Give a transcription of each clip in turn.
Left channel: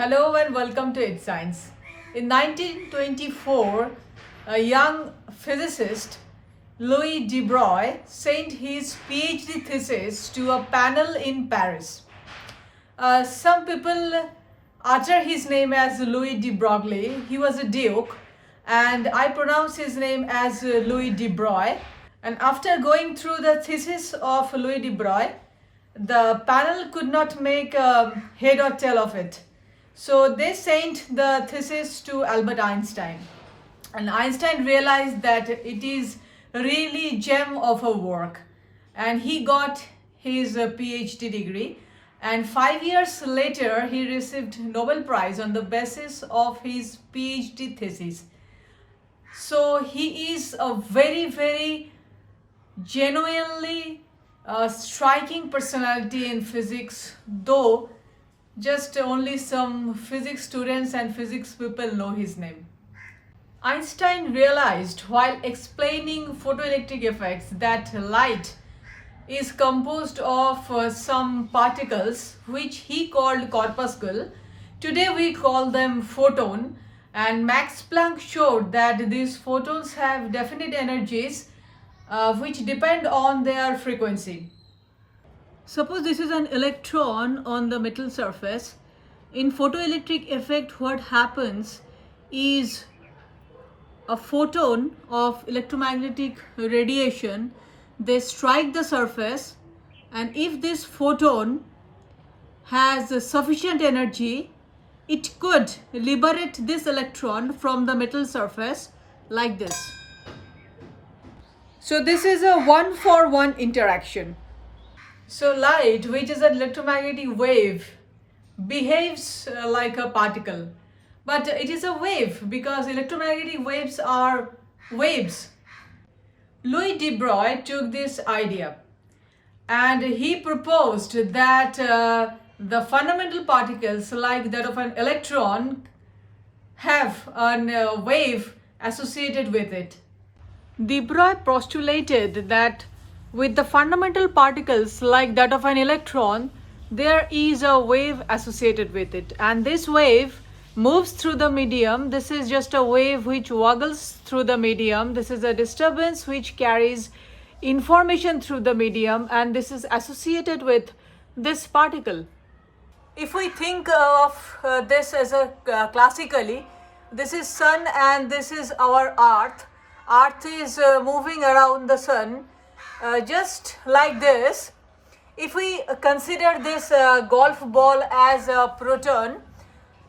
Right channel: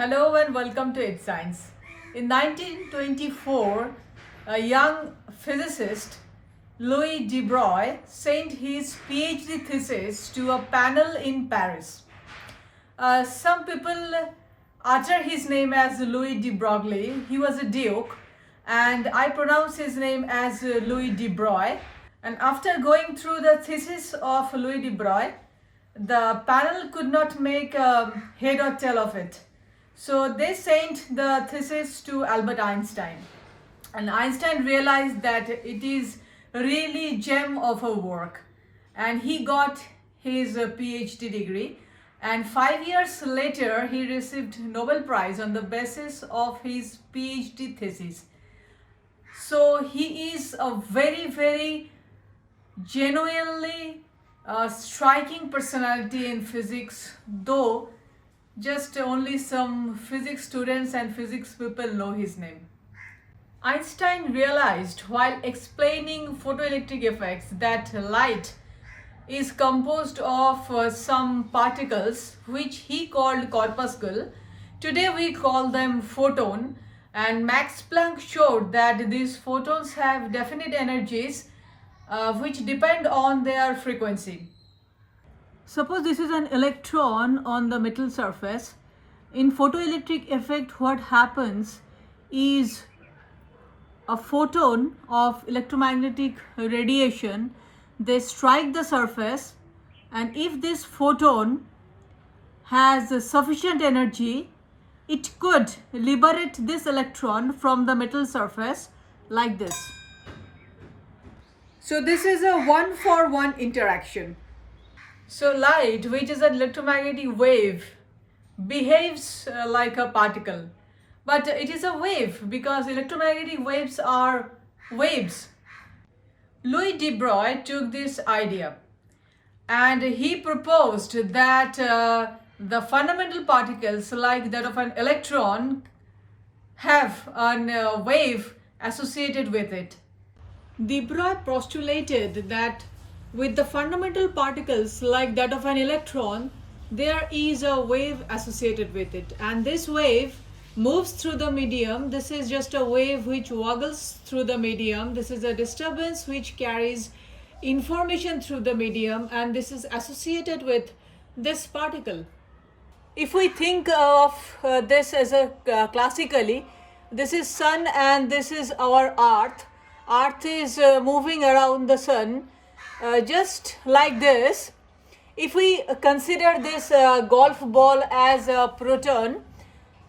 Hello and welcome to It Science. In 1924, a young physicist, Louis de Broglie, sent his PhD thesis to a panel in Paris. Some people utter his name as Louis de Broglie. He was a duke, and I pronounce his name as Louis de Broglie. And after going through the thesis of Louis de Broglie, the panel could not make head or tail of it. So they sent the thesis to Albert Einstein, and Einstein realized that it is really gem of a work, and he got his PhD degree, and 5 years later he received Nobel Prize on the basis of his PhD thesis. So he is a very genuinely striking personality in physics, though just only some physics students and physics people know his name. Einstein realized while explaining photoelectric effects that light is composed of some particles which he called corpuscle. Today we call them photon, and Max Planck showed that these photons have definite energies which depend on their frequency. Suppose this is an electron on the metal surface. In photoelectric effect, what happens is a photon of electromagnetic radiation, they strike the surface, and if this photon has sufficient energy, it could liberate this electron from the metal surface like this. So this is a 1-for-1 interaction. So light, which is an electromagnetic wave, behaves like a particle. But it is a wave because electromagnetic waves are waves. Louis de Broglie took this idea and he proposed that the fundamental particles like that of an electron have a wave associated with it. De Broglie postulated that with the fundamental particles like that of an electron, there is a wave associated with it, and this wave moves through the medium. This is just a wave which waggles through the medium. This is a disturbance which carries information through the medium, and this is associated with this particle. If we think of this as a classically, this is sun and this is our earth. Earth is moving around the sun just like this. If we consider this golf ball as a proton,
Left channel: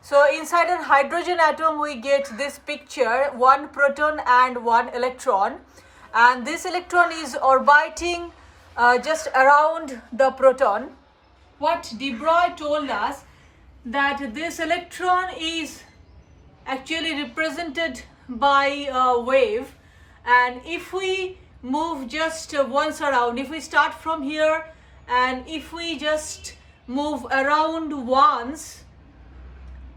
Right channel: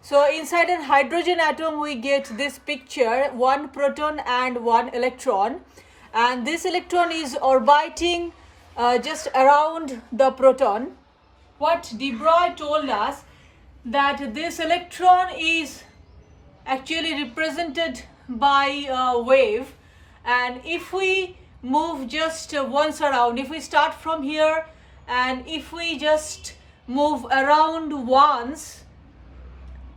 so inside a hydrogen atom we get this picture, one proton and one electron, and this electron is orbiting just around the proton. What de Broglie told us that this electron is actually represented by a wave, and if we move just once around, if we start from here and if we just move around once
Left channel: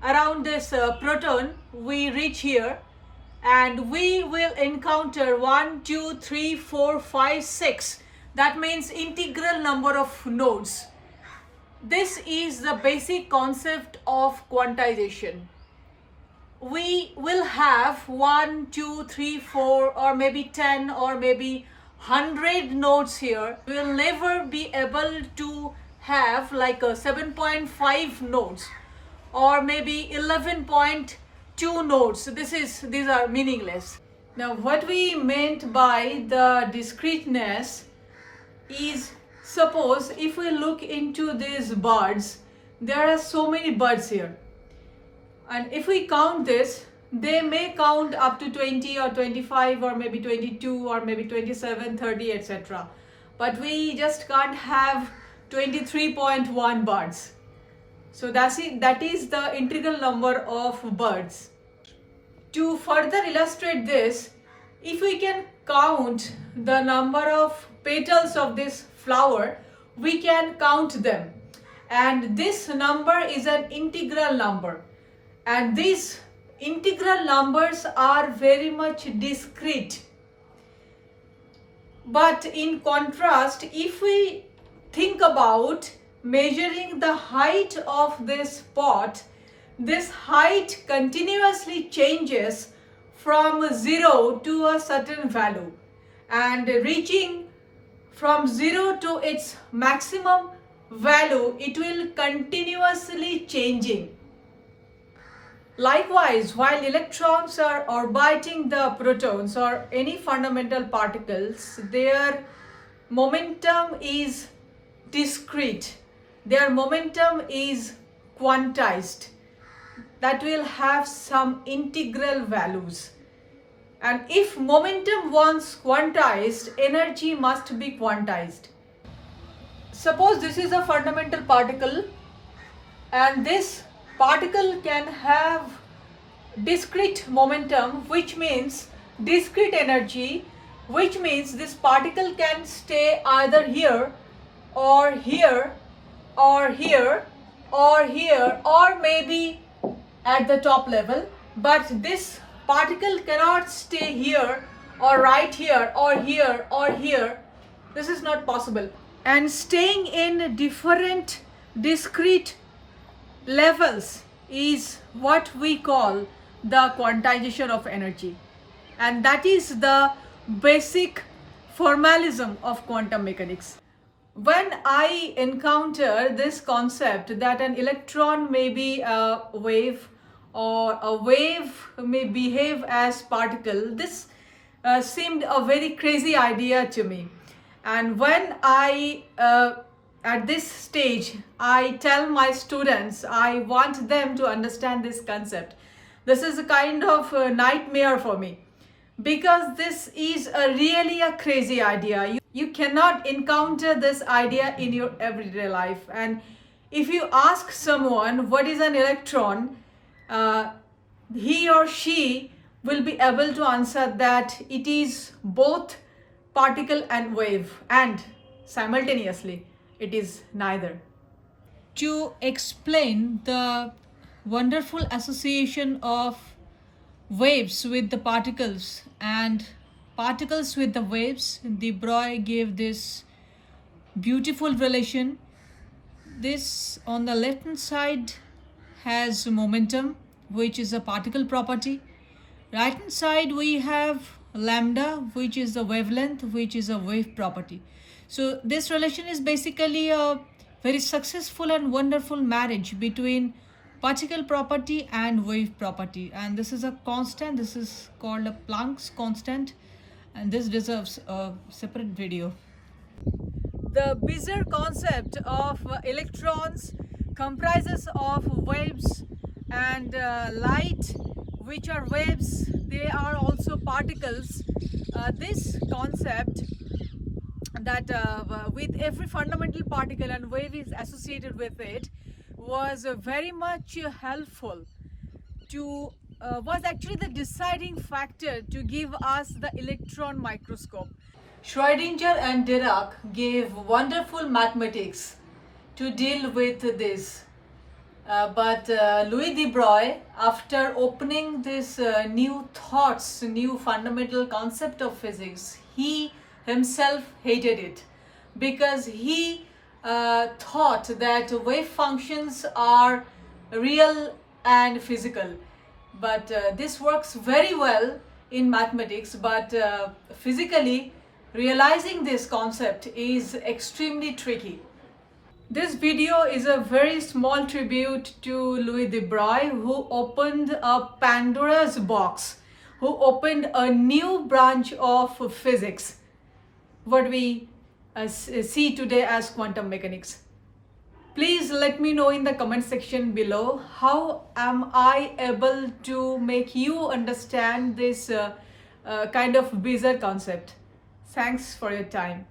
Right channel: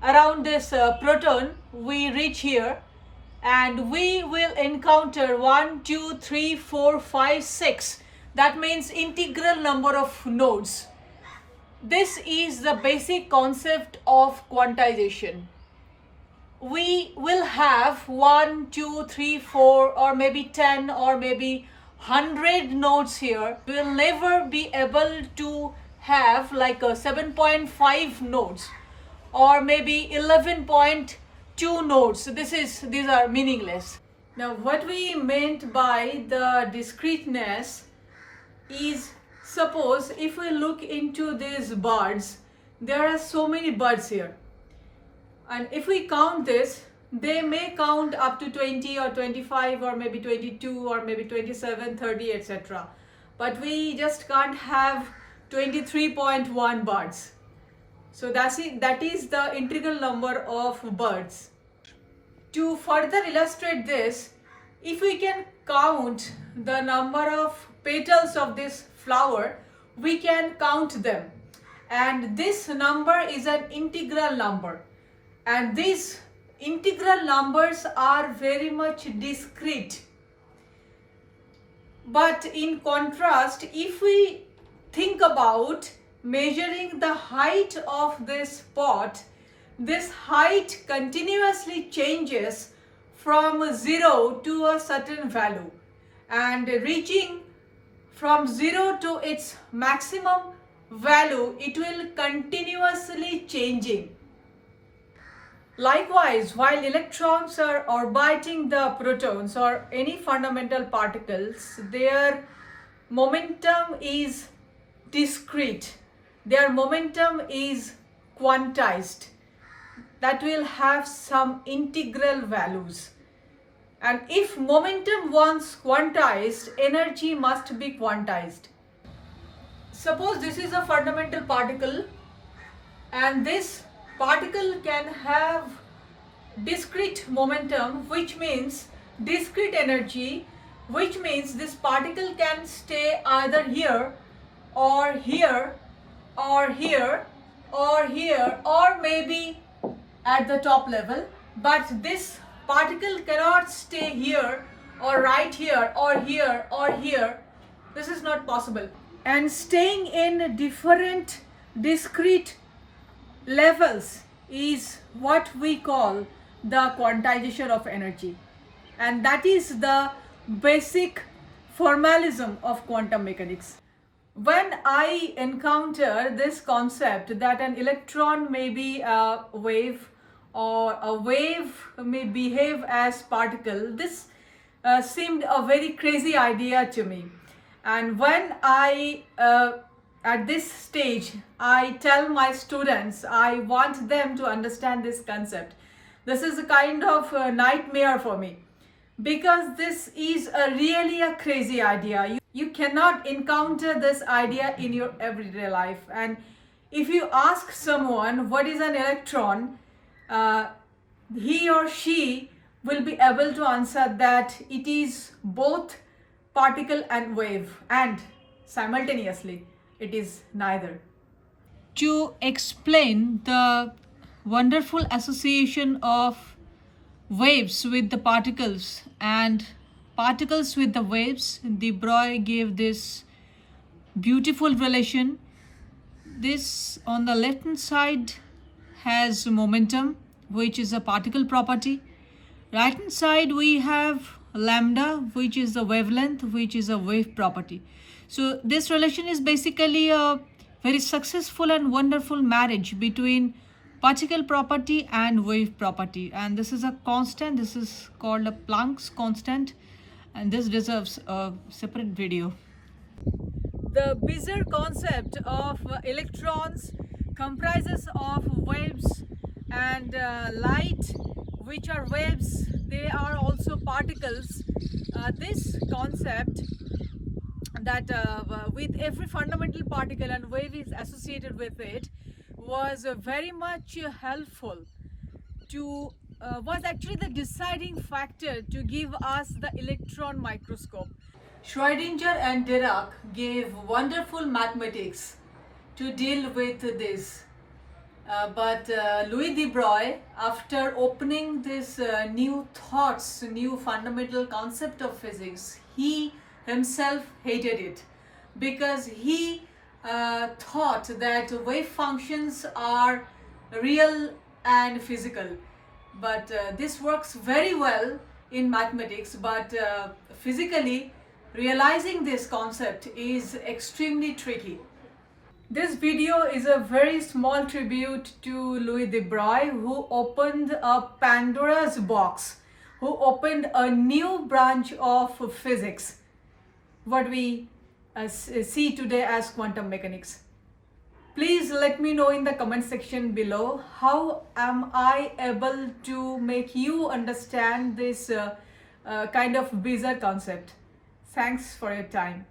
around this proton, we reach here and we will encounter 1, 2, 3, 4, 5, 6. That means integral number of nodes. This is the basic concept of quantization. We will have 1, 2, 3, 4 or maybe 10 or maybe 100 nodes here. We will never be able to have like a 7.5 nodes or maybe 11.2 nodes. So these are meaningless. Now what we meant by the discreteness is, suppose if we look into these birds, there are so many birds here. And if we count this, they may count up to 20 or 25 or maybe 22 or maybe 27, 30, etc. But we just can't have 23.1 birds. So that is the integral number of birds. To further illustrate this, if we can count the number of petals of this flower, we can count them. And this number is an integral number. And these integral numbers are very much discrete. But in contrast, if we think about measuring the height of this pot, this height continuously changes from 0 to a certain value, and reaching from 0 to its maximum value, it will continuously changing. Likewise, while electrons are orbiting the protons or any fundamental particles, their momentum is discrete. Their momentum is quantized. That will have some integral values. And if momentum once quantized, energy must be quantized. Suppose this is a fundamental particle, and this particle can have discrete momentum, which means discrete energy, which means this particle can stay either here or here or here or here, or maybe at the top level, but this particle cannot stay here or right here or here or here. This is not possible. And staying in different discrete levels is what we call the quantization of energy, and that is the basic formalism of quantum mechanics. When I encounter this concept that an electron may be a wave or a wave may behave as particle, this seemed a very crazy idea to me. And when at this stage, I tell my students, I want them to understand this concept. This is a kind of a nightmare for me, because this is really a crazy idea. You cannot encounter this idea in your everyday life. And if you ask someone what is an electron, he or she will be able to answer that it is both particle and wave, and simultaneously it is neither. To explain the wonderful association of waves with the particles and particles with the waves, de Broglie gave this beautiful relation. This on the left hand side has momentum, which is a particle property. Right hand side we have lambda, which is the wavelength, which is a wave property. So this relation is basically a very successful and wonderful marriage between particle property and wave property, and this is a constant. This is called a Planck's constant, and this deserves a separate video. The bizarre concept of electrons comprises of waves and light, which are waves. They are also particles. This concept that with every fundamental particle and wave is associated with it was very much helpful to was actually the deciding factor to give us the electron microscope. Schrödinger and Dirac gave wonderful mathematics to deal with this. But Louis de Broglie, after opening this new thoughts, new fundamental concept of physics, he himself hated it, because he thought that wave functions are real and physical. But this works very well in mathematics, but physically realizing this concept is extremely tricky. This video is a very small tribute to Louis de Broglie, who opened a Pandora's box, who opened a new branch of physics, what we see today as quantum mechanics. Please let me know in the comment section below, how am I able to make you understand this kind of bizarre concept. Thanks for your time.